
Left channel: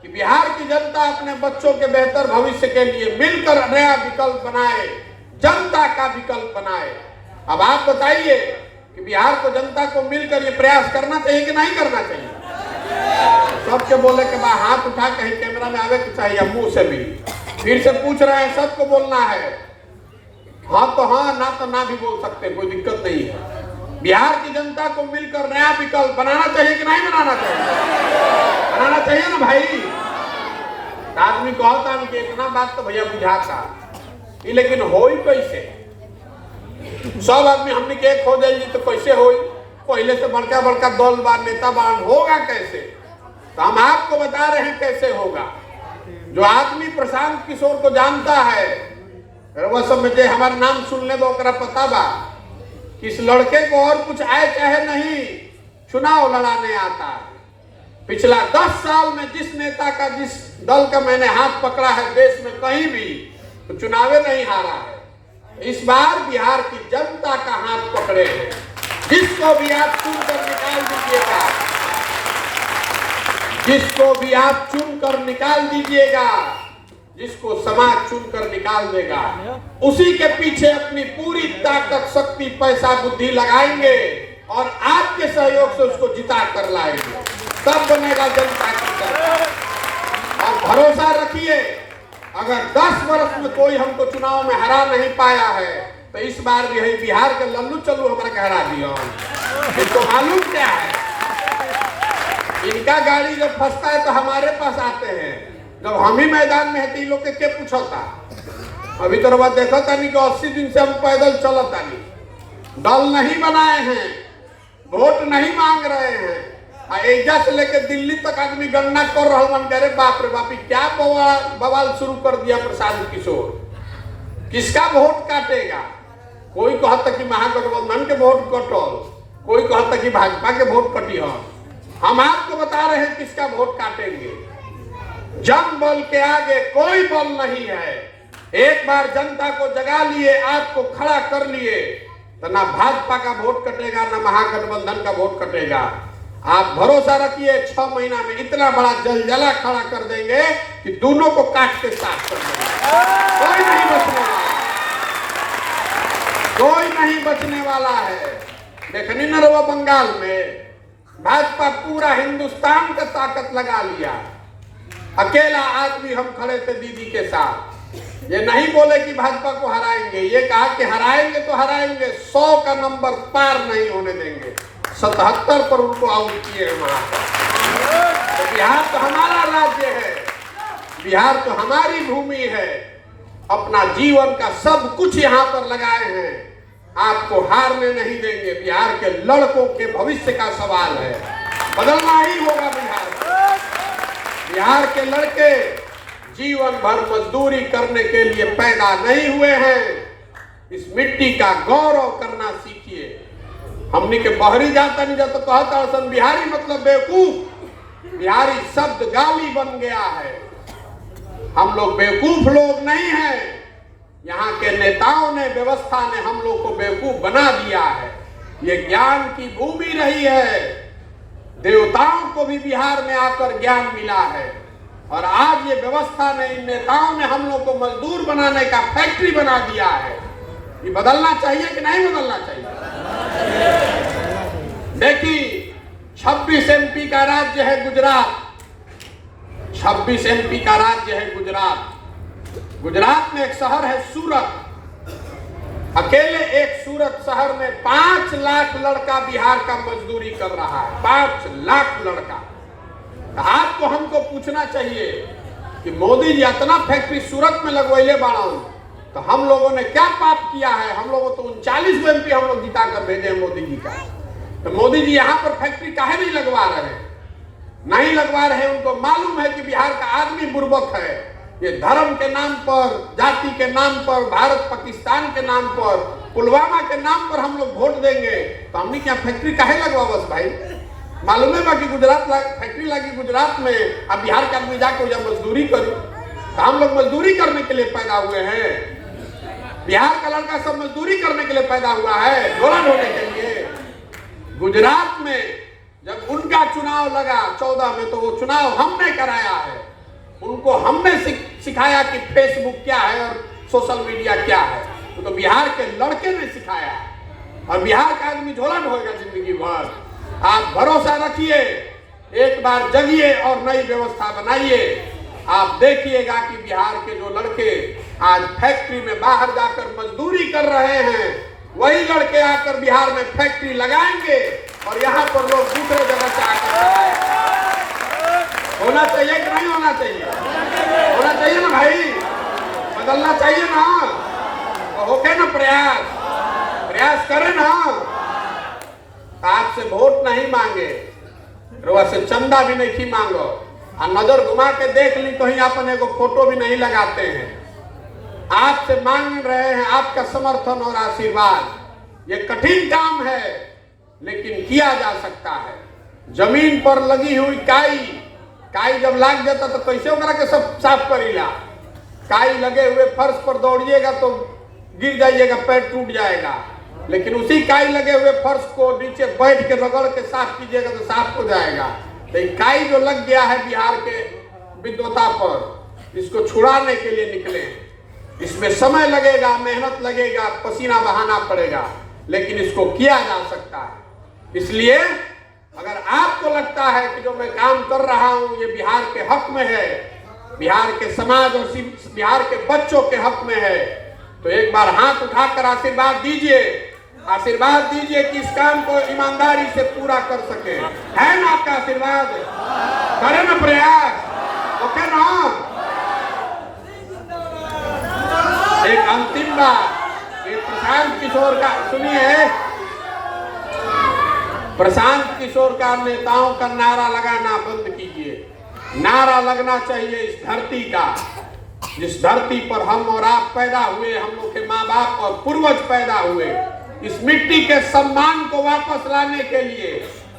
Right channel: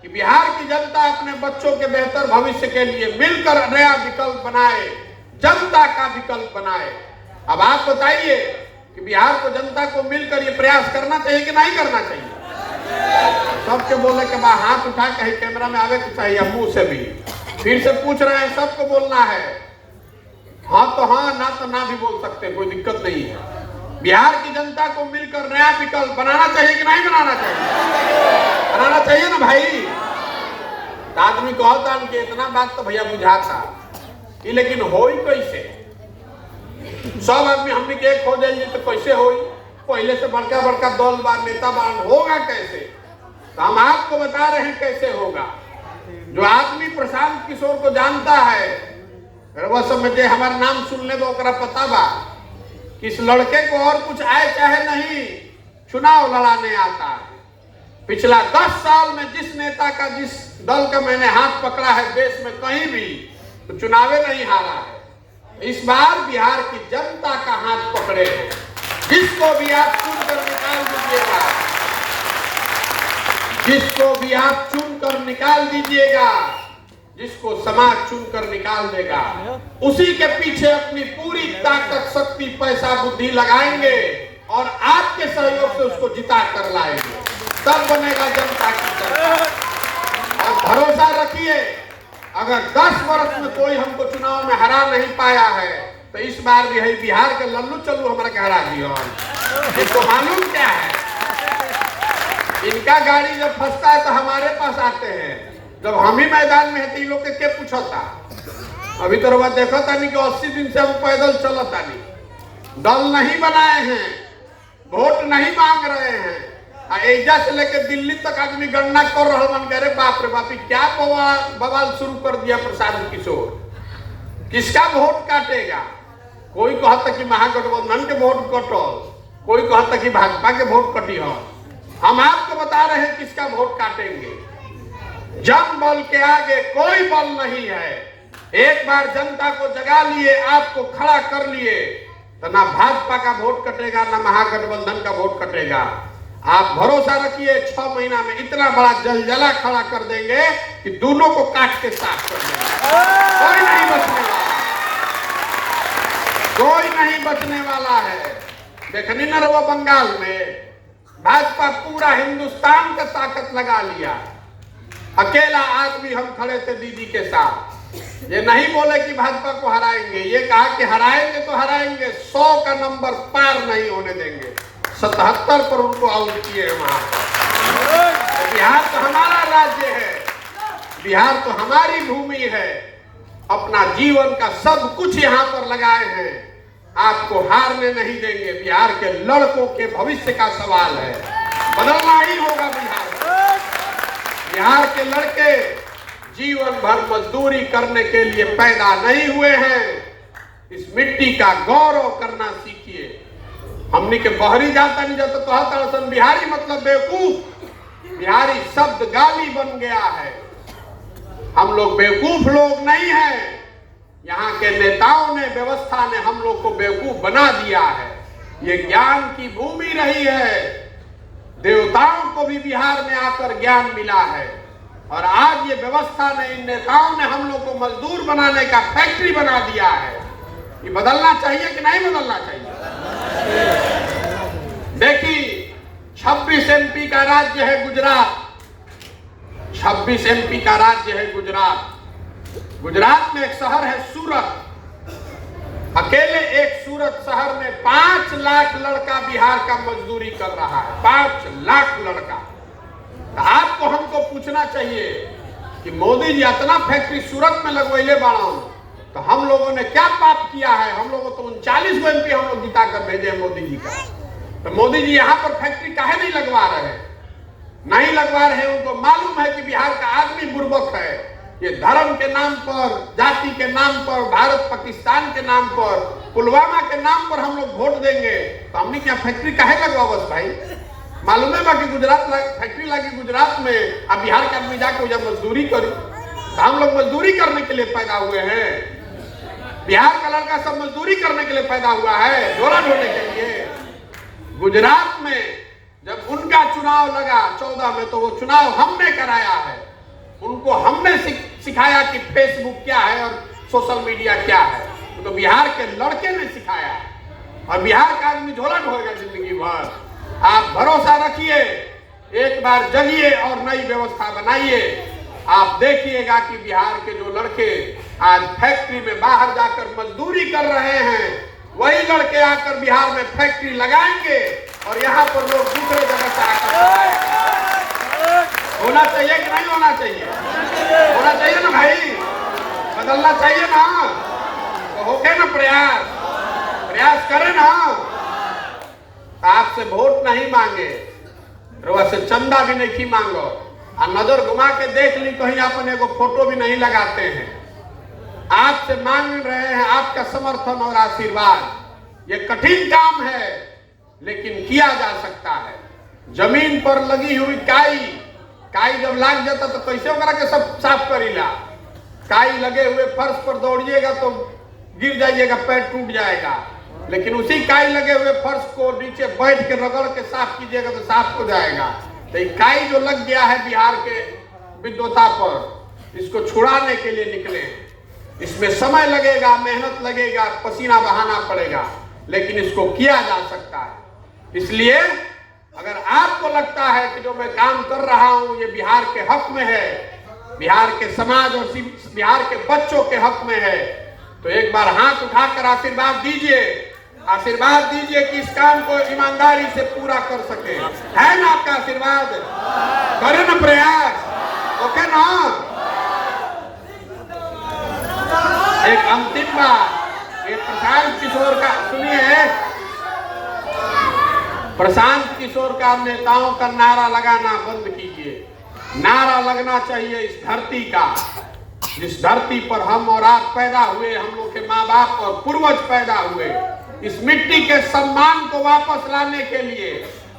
कि बिहार की जनता अपने बच्चों के बेहतर भविष्य के लिए मिलकर नया विकल्प बनाए, जनता का विकल्प बनाए। अब आप बताइए कि बिहार को, जनता को मिलकर ये प्रयास करना चाहिए कि नहीं करना चाहिए? सबके बोले के बाद हाथ उठा के कैमरा में आवे के चाहिए, मुंह से भी। फिर से पूछ रहे हैं, सबको बोलना है, हाँ तो हाँ, ना तो ना भी बोल सकते, कोई दिक्कत नहीं है। बिहार की जनता को मिलकर नया विकल्प बनाना चाहिए कि नहीं बनाना चाहिए? बनाना चाहिए ना भाई। आदमी कहता कि इतना बात तो भैया बुझाता, लेकिन हो ही कैसे? सब आदमी हमने के एक हो जाइए तो कैसे हो? पहले से बड़का बड़का दल बा, नेता बान, होगा कैसे? तो हम आपको बता रहे हैं कैसे होगा। जो आदमी प्रशांत किशोर को जानता है, वह सब में हमारा नाम सुनने में पता बा इस लड़के को और कुछ आए चाहे नहीं, चुनाव लड़ाने आता है। पिछला 10 साल में जिस नेता का, जिस दल का मैंने हाथ पकड़ा है देश में कहीं भी, तो चुनावे नहीं हारा है। इस बार बिहार की जनता का हाथ पकड़े हैं, जिसको भी आप चुनकर निकाल दीजिएगा, जिसको भी आप चुनकर निकाल दीजिएगा, जिसको समाज चुनकर निकाल देगा, उसी के पीछे अपनी पूरी ताकत, शक्ति, पैसा, बुद्धि लगाएंगे और आपके सहयोग से उसको जिता कर लाएंगे। तब बनेगा जनता की सरकार। और भरोसा रखिए, अगर 10 वर्ष में कोई हमको चुनाव में हरा नहीं पाया है, तो इस बार भी है बिहार के लल्लू चल्लू हमारा हरा दिया। इसको मालूम क्या है, इनका गाड़ी जब फंसता है तो हमारे पास आते हैं। जब हम ही मैदान में है तो लोग के पूछा था। अभी तो बात देखा था नहीं कि 80 दिन से हम पैदल चलता नहीं, दल नहीं बनाए हैं, वोट नहीं मांग रहे हैं। एजा से लेके दिल्ली तक आदमी गणना कर रहा मन, अरे बाप रे बाप, क्या बवाल शुरू कर दिया प्रशांत किशोर। किसका वोट काटेगा? कोई कहता कि महागठबंधन के वोट कटल, कोई कहता कि भाजपा के वोट कटी है। हम आपको बता रहे हैं किसका वोट काटेंगे। जन बल के आगे कोई बल नहीं है। एक बार जनता को जगा लिए, आपको खड़ा कर लिए, तो ना भाजपा का वोट कटेगा, ना महागठबंधन का वोट कटेगा। आप भरोसा रखिए, 6 महीना में इतना बड़ा जलजला खड़ा कर देंगे कि दोनों को काट के साफ कर देंगे। कोई नहीं बचने वाला, कोई नहीं बचने वाला है। देखनी न रहा बंगाल में भाजपा पूरा हिंदुस्तान का ताकत लगा लिया, अकेला आदमी हम खड़े थे दीदी के साथ। ये नहीं बोले कि भाजपा को हराएंगे, ये कहा कि हराएंगे तो हराएंगे, 100 का नंबर पार नहीं होने देंगे। 77 पर उनको आउट किए वहां पर। तो बिहार तो हमारा राज्य है, बिहार तो हमारी भूमि है, अपना जीवन का सब कुछ यहाँ पर लगाए हैं, आपको हारने नहीं देंगे। बिहार के लड़कों के भविष्य का सवाल है, बदलना ही होगा बिहार। बिहार के लड़के जीवन भर मजदूरी करने के लिए पैदा नहीं हुए हैं। इस मिट्टी का गौरव करना सीखिए। हमने के बहरी जाता नहीं जाता कहता बिहारी मतलब बेवकूफ। बिहारी शब्द गाली बन गया है। हम लोग बेवकूफ लोग नहीं हैं। यहाँ के नेताओं ने, व्यवस्था ने हम लोग को बेवकूफ बना दिया है। ये ज्ञान की भूमि रही है। देवताओं को भी बिहार में आकर ज्ञान मिला है, और आज ये व्यवस्था ने, इन नेताओं ने हम लोग को मजदूर बनाने का फैक्ट्री बना दिया है। ये बदलना चाहिए कि नहीं बदलना चाहिए? देखिए, 26 MP का राज्य है गुजरात। 26 MP का राज्य है गुजरात। गुजरात में एक शहर है सूरत। अकेले एक सूरत शहर में 5 लाख लड़का बिहार का मजदूरी कर रहा है। 5 लाख लड़का। तो आपको हमको पूछना चाहिए कि मोदी जी इतना फैक्ट्री सूरत में लगवाइले बाड़ा, तो हम लोगों ने क्या पाप किया है? हम लोगों तो 39 MP हम लोग जिता कर भेजे मोदी जी का। तो मोदी जी यहाँ पर फैक्ट्री काहे नहीं लगवा रहे? नहीं लगवा रहे, उनको मालूम है कि बिहार का आदमी बुर्बक है। ये धर्म के नाम पर, जाति के नाम पर, भारत पाकिस्तान के नाम पर, पुलवामा के नाम पर हम लोग वोट देंगे, तो हमने क्या फैक्ट्री काहे लगवा? बस भाई मालूम है कि गुजरात फैक्ट्री लगी गुजरात में, अब बिहार का आदमी जाके जब मजदूरी करो, तो हम लोग मजदूरी करने के लिए पैदा हुए हैं। बिहार का लड़का सब मजदूरी करने के लिए पैदा हुआ है, दोलन होने के लिए। गुजरात में जब उनका चुनाव लगा 14 में, तो वो चुनाव हमने कराया है। उनको हमने सिखाया कि फेसबुक क्या है और सोशल मीडिया क्या है। तो बिहार के लड़के ने सिखाया, और बिहार का आदमी झोलन होगा जिंदगी भर। आप भरोसा रखिए, एक बार जगिए और नई व्यवस्था बनाइए। आप देखिएगा कि बिहार के जो लड़के आज फैक्ट्री में बाहर जाकर मजदूरी कर रहे हैं, वही लड़के आकर बिहार में फैक्ट्री लगाएंगे, और यहाँ पर लोग दूसरे जगह से आकर होना चाहिए कि नहीं होना चाहिए? होना चाहिए ना भाई, बदलना चाहिए ना। तो होके ना प्रयास करें ना। आपसे वोट नहीं मांगे, रोज से चंदा भी नहीं मांगो, और नजर घुमा के देख ली कहीं अपन एगो फोटो भी नहीं लगाते हैं। आपसे मांग रहे हैं आपका समर्थन और आशीर्वाद। ये कठिन काम है, लेकिन किया जा सकता है। जमीन पर लगी हुई काई जब लाग जाता तो कैसे करा के सब साफ करीला। काई लगे हुए फर्श पर दौड़िएगा तो गिर जाइएगा, पैर टूट जाएगा। लेकिन उसी काई लगे हुए फर्श को नीचे बैठ के रगड़ के साफ कीजिएगा तो साफ हो जाएगा। तो काई जो लग गया है बिहार के विद्वता पर, इसको छुड़ाने के लिए निकले। इसमें समय लगेगा, मेहनत लगेगा, पसीना बहाना पड़ेगा, लेकिन इसको किया जा सकता है। इसलिए अगर आपको लगता है कि जो मैं काम कर रहा हूं ये बिहार के हक में है, बिहार के समाज और बिहार के बच्चों के हक में है, तो एक बार हाथ उठाकर आशीर्वाद दीजिए कि इस काम को ईमानदारी से पूरा कर सके। है ना आपका आशीर्वाद? करें ना प्रयास, ओके ना? एक अंतिम बात, एक प्रशांत किशोर का सुनिए। प्रशांत किशोर का नेताओं का नारा लगाना बंद कीजिए। नारा लगना चाहिए इस धरती का, जिस धरती पर हम और आप पैदा हुए, हम लोग के माँ बाप और पूर्वज पैदा हुए। इस मिट्टी के सम्मान को वापस लाने के लिए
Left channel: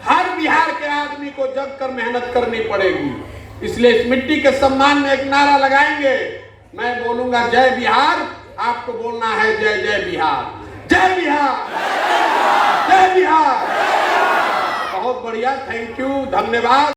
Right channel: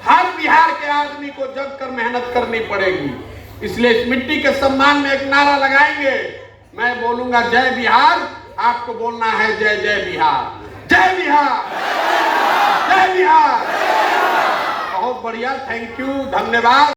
हर बिहार के आदमी को जग कर मेहनत करनी पड़ेगी। इसलिए इस मिट्टी के सम्मान में एक नारा लगाएंगे। मैं बोलूंगा जय बिहार, आपको बोलना है जय जय बिहार। जय बिहार, जय बिहार। बहुत बढ़िया, थैंक यू, धन्यवाद।